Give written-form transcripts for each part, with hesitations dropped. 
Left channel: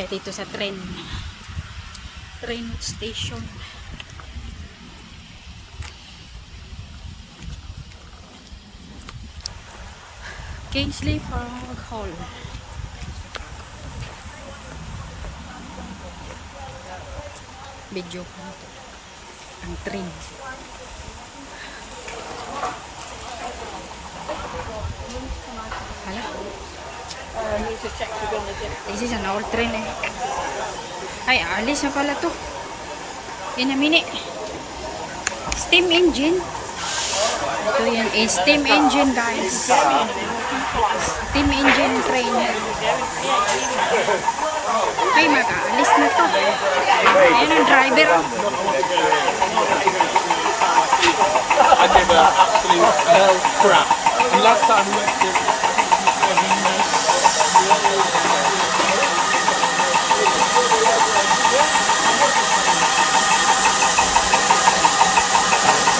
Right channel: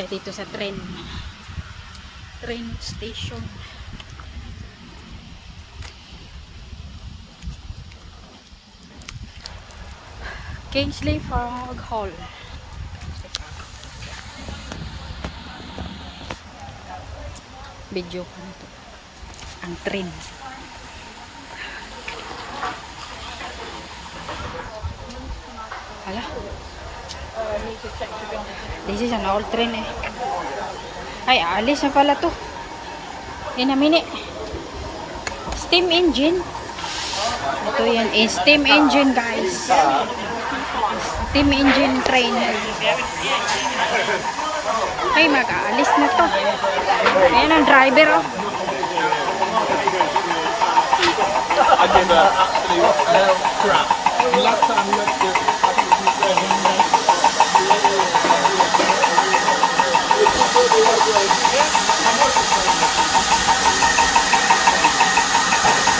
tayo dito sa train station. Kingsley Fog Hall. Video ko nito ang train. Hala, this is an old train eh. Ay, alis na pala to. Yun na mini. Steam engine. Ito yan eh, steam engine guys. Steam engine train. Ay, mag-aalis na to. Ayan ang driver oh. Last time we went to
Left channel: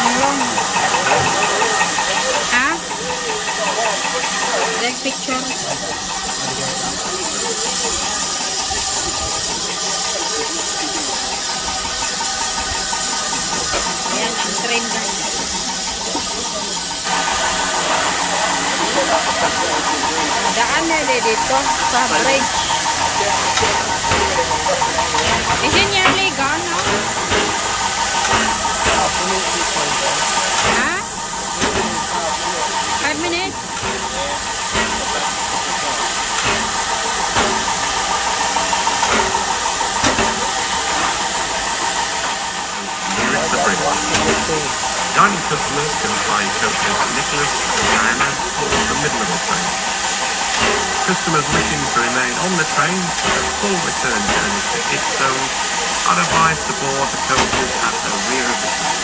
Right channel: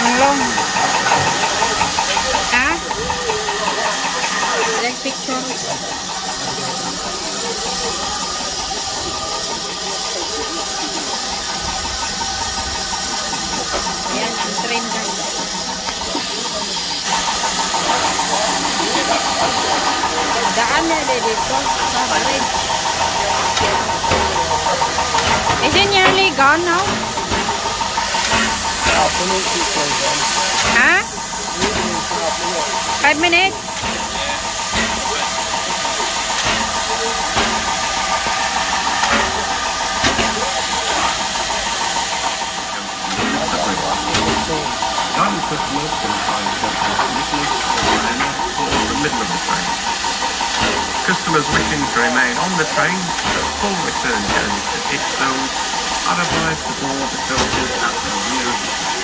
Ang long. Ha? Like picture. Ayan ang train guys. Daan na dito sa bridge. Isn't nearly gone now? Ha? 5 minutes? Nearest the bridge. Dining customers can find Coach St. Nicholas and Diana towards the middle of the train. Customers wishing to remain on the train for the full return journey to its zone are advised to board the coaches at the rear of the train.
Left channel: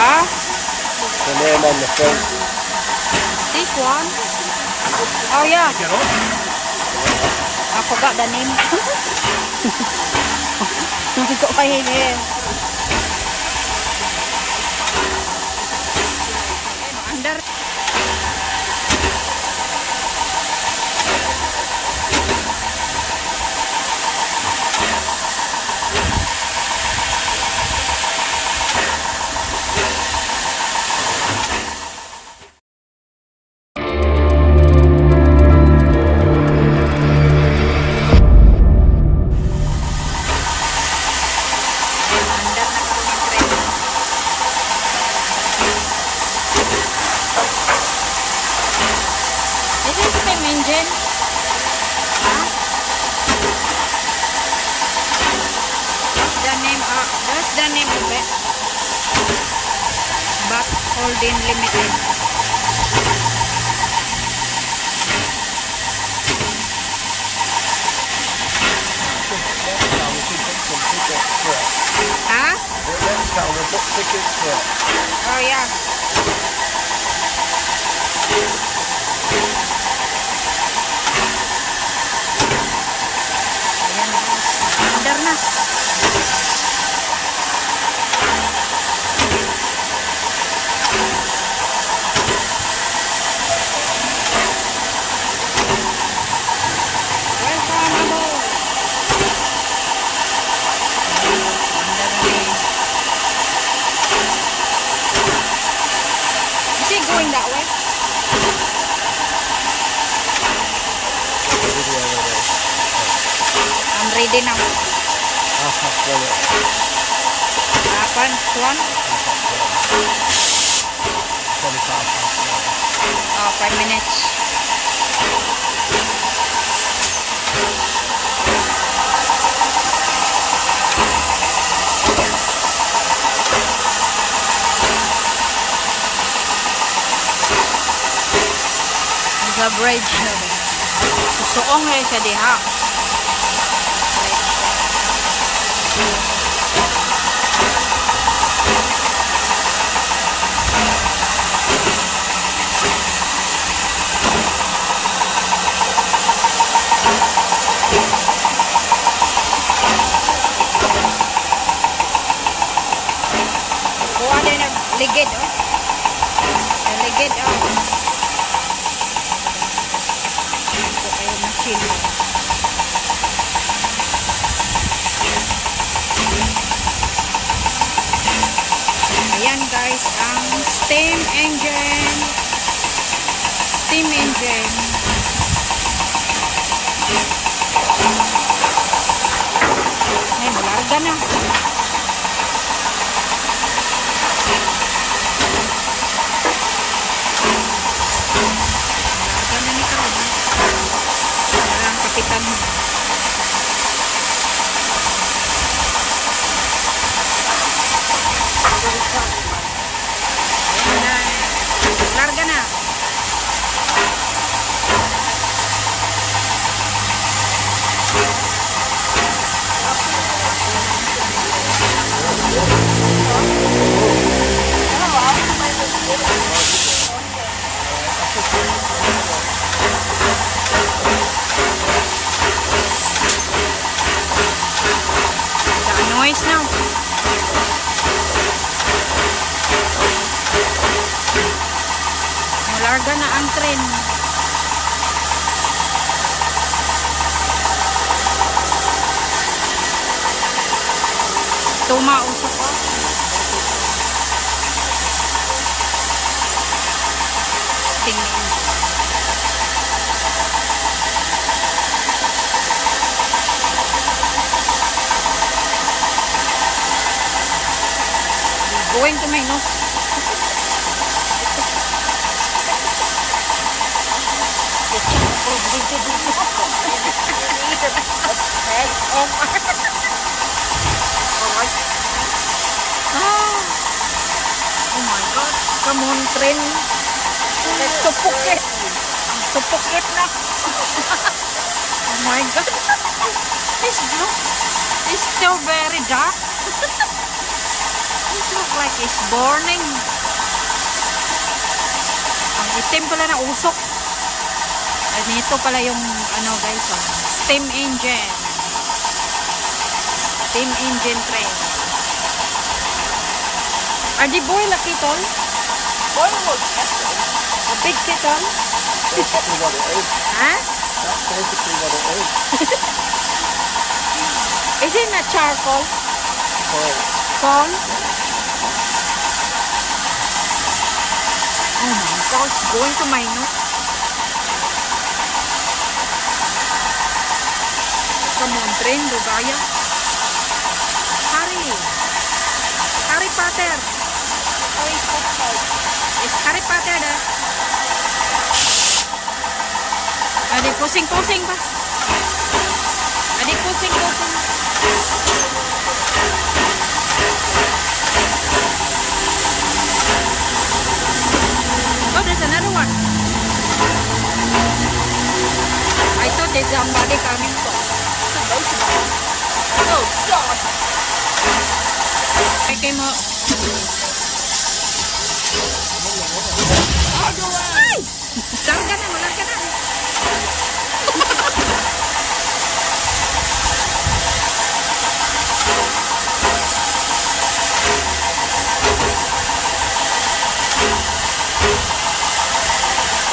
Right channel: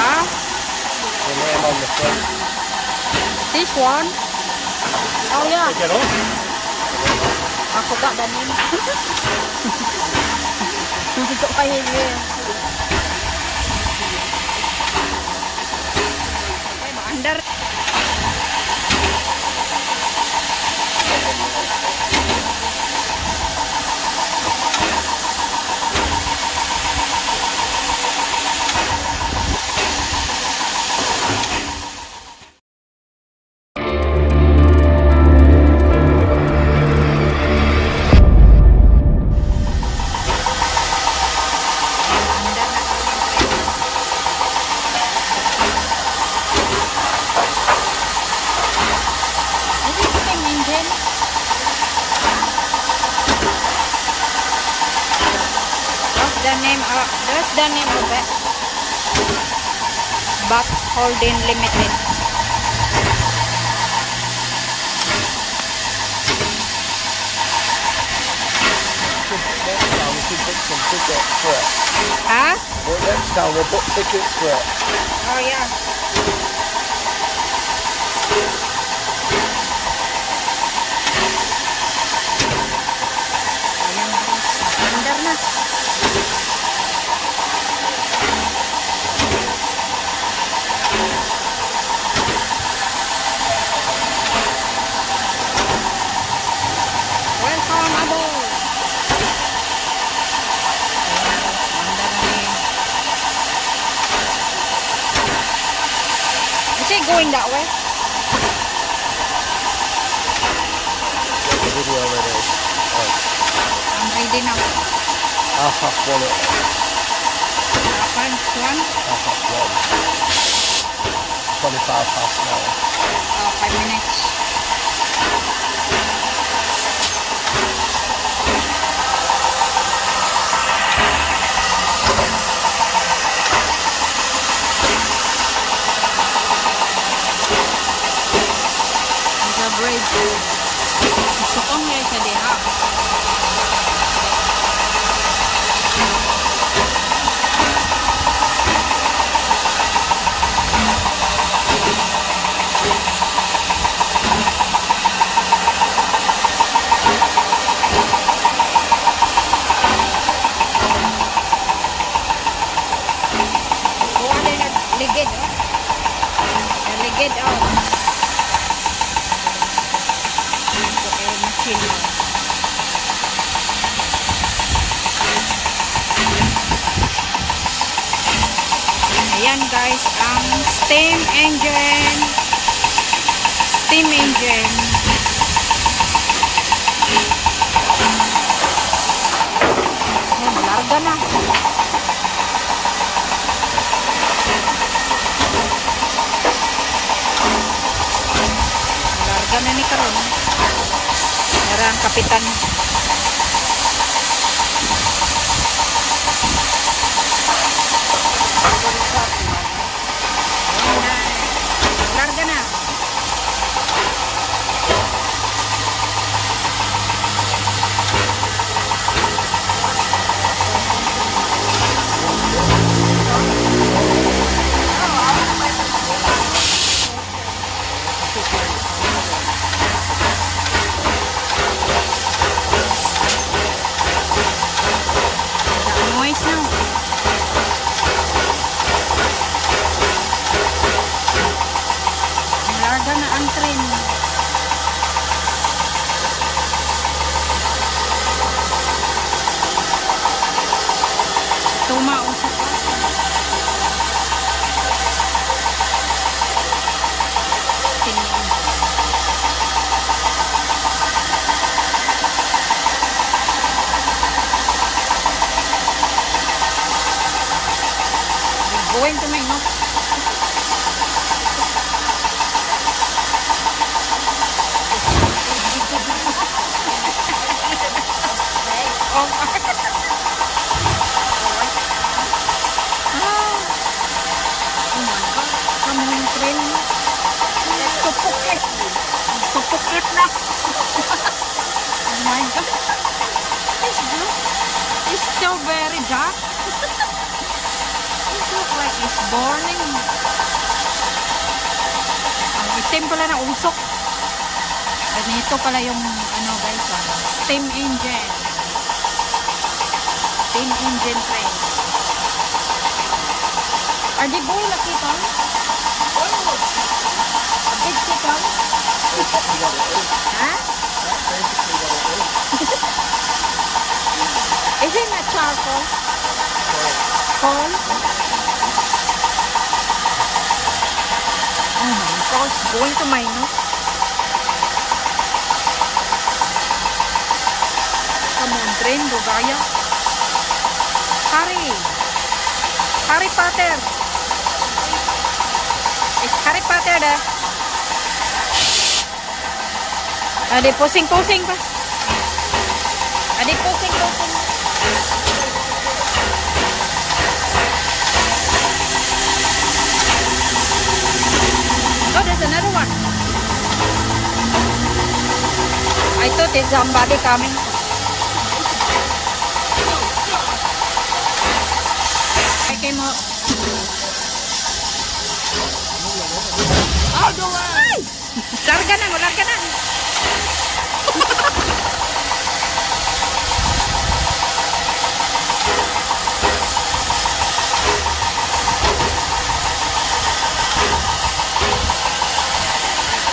Ah? the name on the front. This one? Oh yeah. Get on. I forgot the name. Hindi ko pahingi. Under. Engine. That's the name of it. Bat Holding Limited. Huh? Next time we'll book tickets for it. Oh yeah. Ayan guys, mag-under na. Welcome aboard. Under na ni. Is he going that way? Video already. I'm ready now. Half past one. One? Half past one. 25 past 1. Oh, 5 minutes. Sa bridge. Suong eh siya diha. Kuha din na ligid oh. Ligid oh. Okay na. cappuccino. Ayan guys, ang steam engine. Steam engine. Ay, mularga na. Mularga na ni Karon. Mara ang kapitan. Ayan na. Mularga na. The noise now. Malarga na ang tren. Tumausap ko. Tingin. Going to my nose. Oh my. Alright. Oh my God. Come on, train. Let's suffocate. Ang suffocate na. Oh my God. It's still very dark. It looks like it's burning. Ang itim pala na usok. At nito pala yung ano guys, steam engine. Steam engine train. Are they boy lucky tol? A big kettle? Huh? Is it not charcoal? Coal? Oh my gosh, going to my nose. Come on, train, Dugaya. Hurry. Harry Potter. It's Harry Potter dah. Adik pusing-pusing pa. Adik pusing-pusing. Oh, there's another one. I thought there's somebody coming from. Oh, God. I came out. Ay! Larga na, larga na.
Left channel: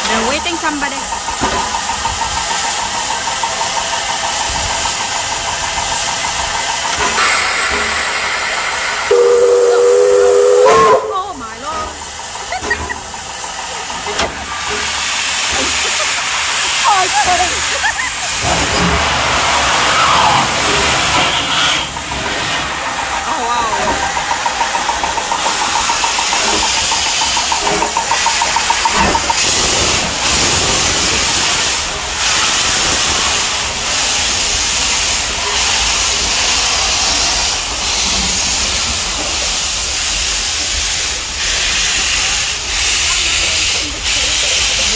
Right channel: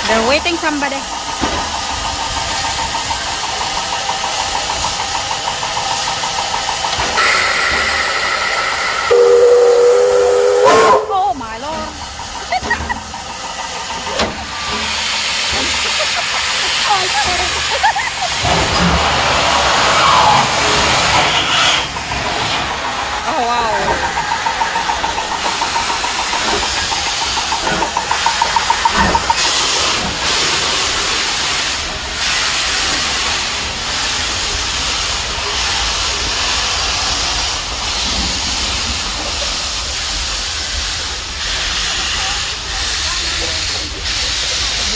They're waiting somebody. Oh my Lord. Oh wow.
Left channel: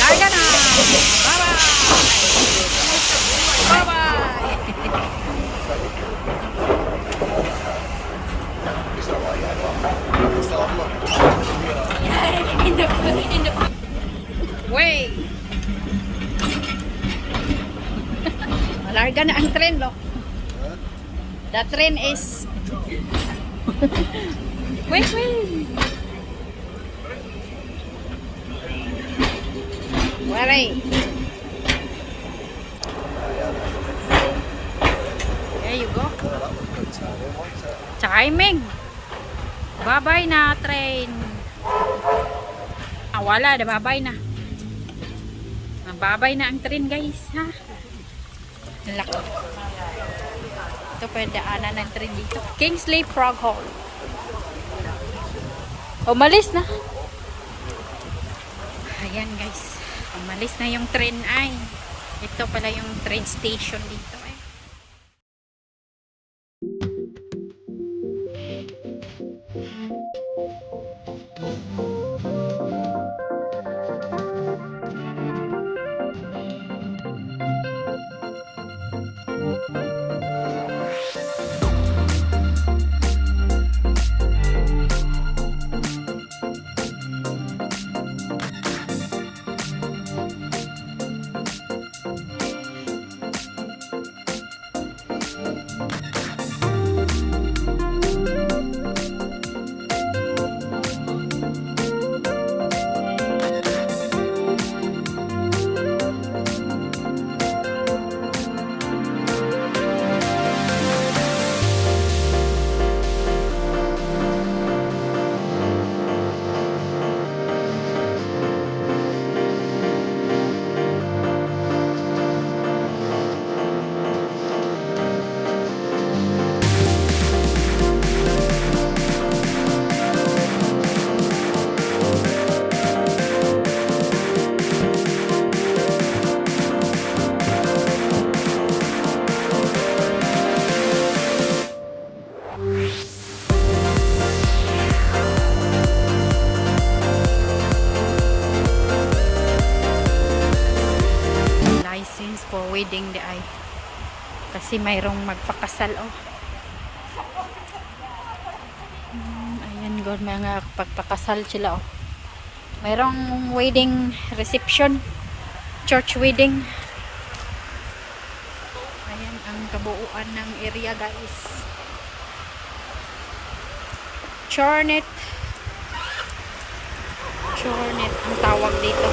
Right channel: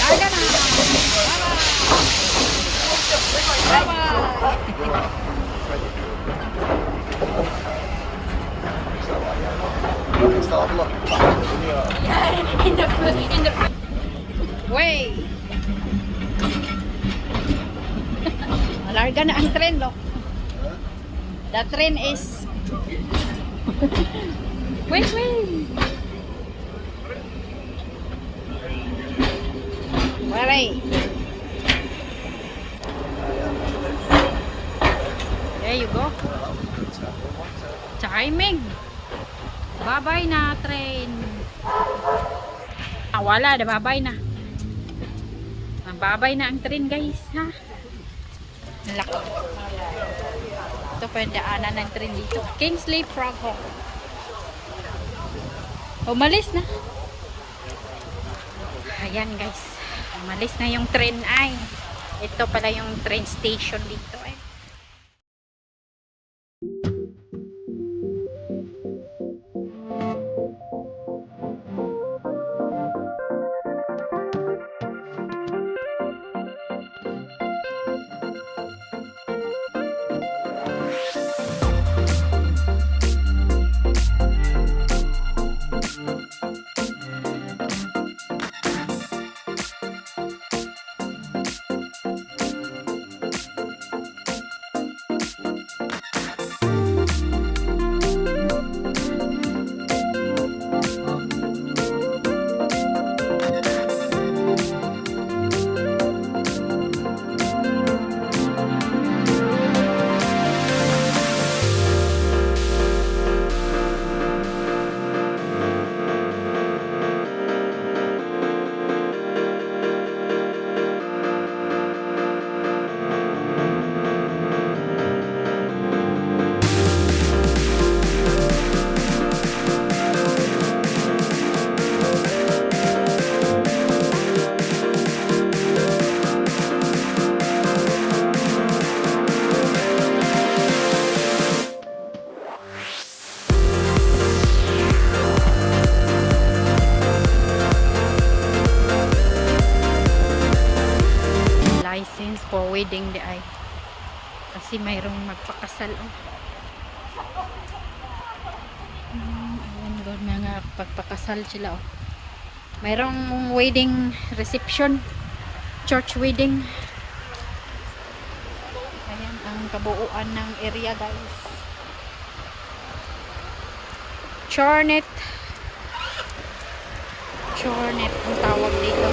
Larga na. Bye-bye. Bye-bye. Way. Malarga na ang tren, lo. The train is wait. Where? timing. Babay na train. Wala na, babay na. Babay na ang train guys, ha. Laki. Ito pwede daanan ng train dito. Kingsley Frog Hall. Umalis na. Ayan guys. Umalis na yung train ay. Ito pala yung train station dito eh. License for wedding di ay. Kasi mayroong magpakasal oh. Ayan god mga pagpakasal sila oh. Mayroong wedding reception, church wedding. Ayan ang kabuuan ng area guys. Chornet ang tawag dito.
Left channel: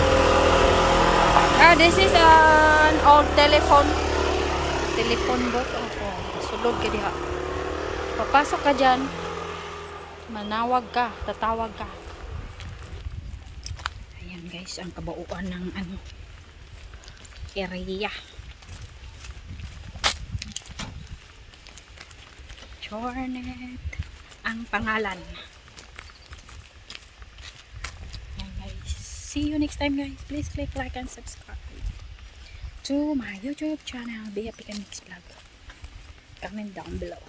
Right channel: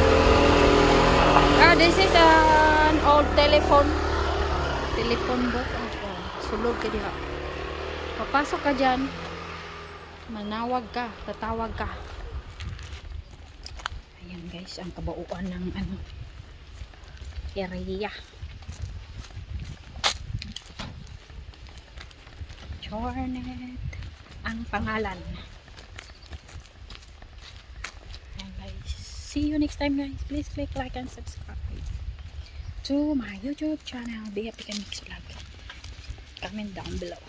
This is an old telephone booth. Oh, sulod ka diha. Papasok ka dyan. Manawag ka, tatawag ka. Ayan guys, ang kabauan ng area. Chornet ang pangalan. Ayan guys. See you next time guys. Please click like and subscribe to my YouTube channel, Bea Pick and Mix Vlog. Comment down below.